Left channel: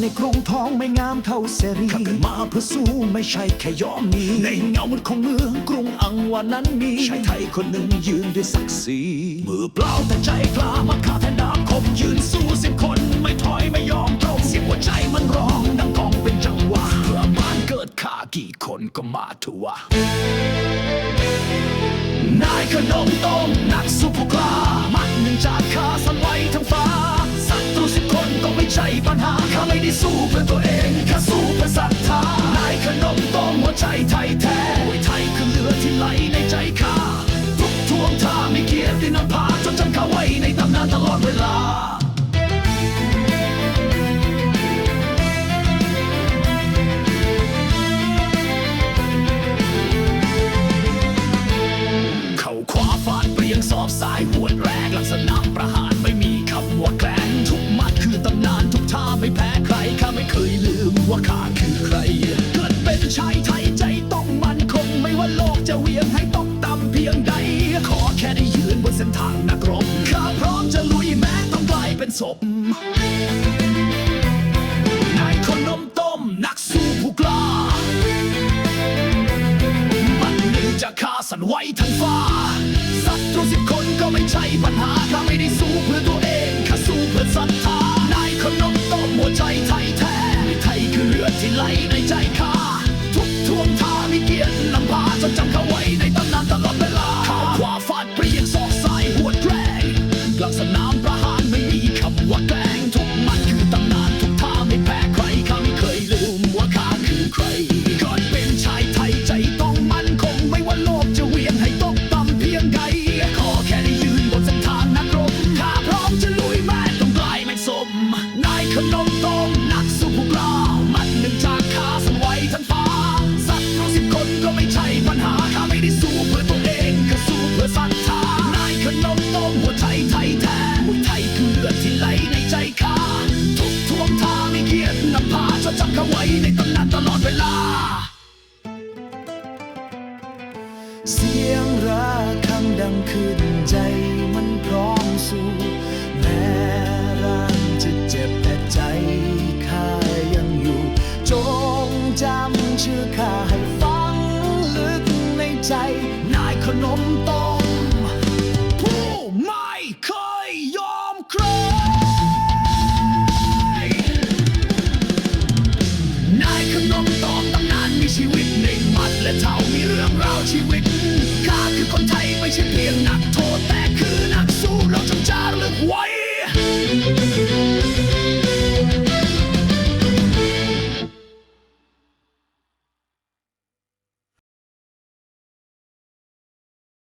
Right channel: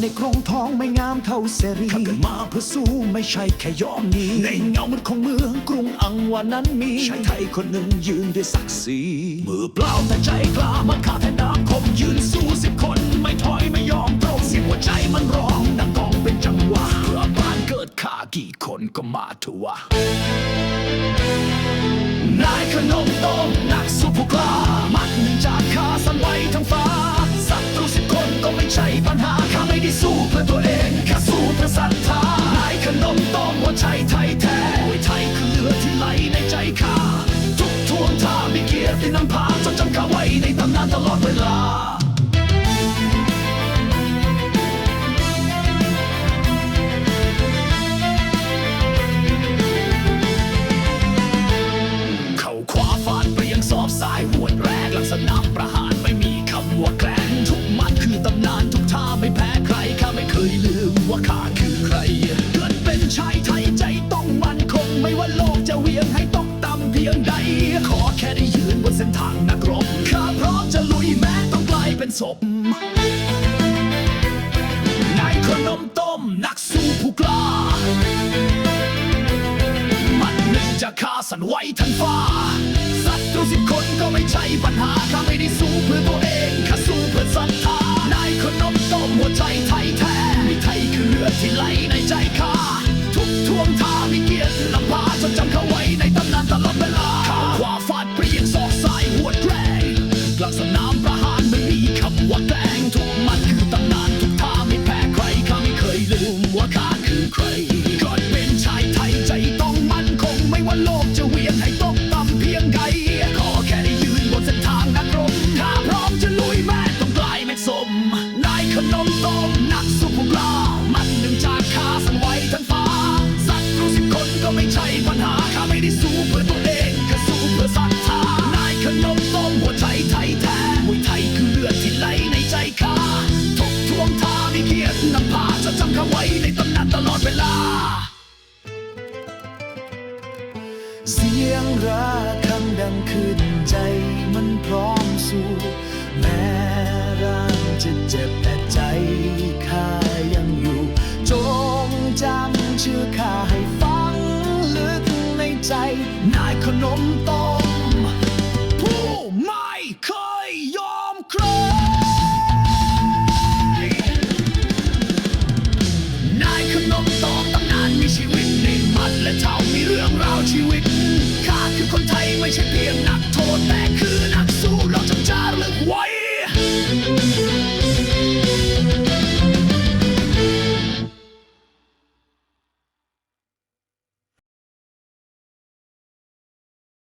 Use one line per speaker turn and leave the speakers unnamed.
ในกรงทองไม่งามเท่าเสรีข้าเกิดมาเพื่อสู้ไม่ใช่แค่ยอมหนีในเงามืดของเมืองกรุงอังวานั้นมีชายไทยคนหนึ่งยืนด้วยศักดิ์ศรีมือเปล่าแต่ใจกล้ามาฆ่าแทนดาคม ยืนสู้สิบคนไม่ถอยไม่ยอมตรงเสียงหัวใจมันร้องดังกองเป็นจังหวะเพื่อบ้านเกิดข้ากี่คนก็มาเถอะวะนายขนมต้มนักสู้ผู้กล้า ใช่ปัญหาข้าไม่ได้สู้เพื่อตัวเองข้าสู้เพื่อศรัทธานายขนมต้มหัวใจไทยแท้มวยไทยคือเลือดที่ไหลในใจข้าทุกทวงท่าไม่เกียรตินำพาจดจำข้าไว้ในตำนานตลอดเวลาเขาขวาฟาดเปรียงสอบสายหวดแรกลักษณะประหารไม่มีคำว่าแกล้ง คือตำนานทุกท่าไม่แพ้ใครข้าไม่เคยลืมว่าข้าคือใคร เกิดเป็นชายไทยใจต้องมั่นคง ไม่ว่าโลกจะเวียงให้ตกต่ำเพียงใด ขอแค่ได้ยืนบนเส้นทางนักรบข้าพร้อมจะลุยแม้ต้องกลายเป็นศพนายขนมต้มนักสู้ผู้กล้ามันหนึ่งจะฆ่าสันไหวทั้งฟ้าศัตรูสิบคนก็ไม่ใช่ปัญหาข้าไม่ได้สู้เพื่อตัวเองข้าสู้เพื่อ ไหลในใจข้าทุกทวงท่ามีเกียรตินำพาจดจำเขาไว้ในตำนานตลอดเวลาเข้าขวาฟาดเปรียงศอกซ้ายหัวแกร่งกลางสนามประหารไม่มีคำว่าแกล้งทุกมัดคือตำนานทุกท่าไม่แพ้ใครข้าไม่เคยลืมว่าข้าคือใครก่อนเป็นชายไทยใจต้องมั่นคงไม่ว่าโลกจะเวียงให้ตกต่ำเพียงใดขอแค่ได้ยืนบนเส้นทางนักรบข้าพร้อมจะลุยแม้ต้องกลายไม่สมนายขนมต้ ปัญหาข้าไม่ได้สู้เพื่อตัวเองข้าสู้เพื่อศรัทธานายขนมต้มหัวใจไทยแท้มวยไทยคือเลือดที่ไหลในใจข้าทุกทวงท่ามีเกียรตินำพาจดจำข้าไว้ในตำนานตลอดเวลา
เสียงระฆังดังขึ้นใจมันพร้อมสู้แม้ร่างจะเจ็บแต่ใจข้ายังอยู่ จงจำชื่อข้าให้ฟัง ในใจ
นายขนมต้มผู้ไม่เคยยอมใครนายขนมต้มตำนานมีชีวิตในหมัดและเท่ามีเรื่องราวชีวิตข้าคือคนไทยไม่ใช่เพียงนักโทษแต่คือนักสู้เราจงจา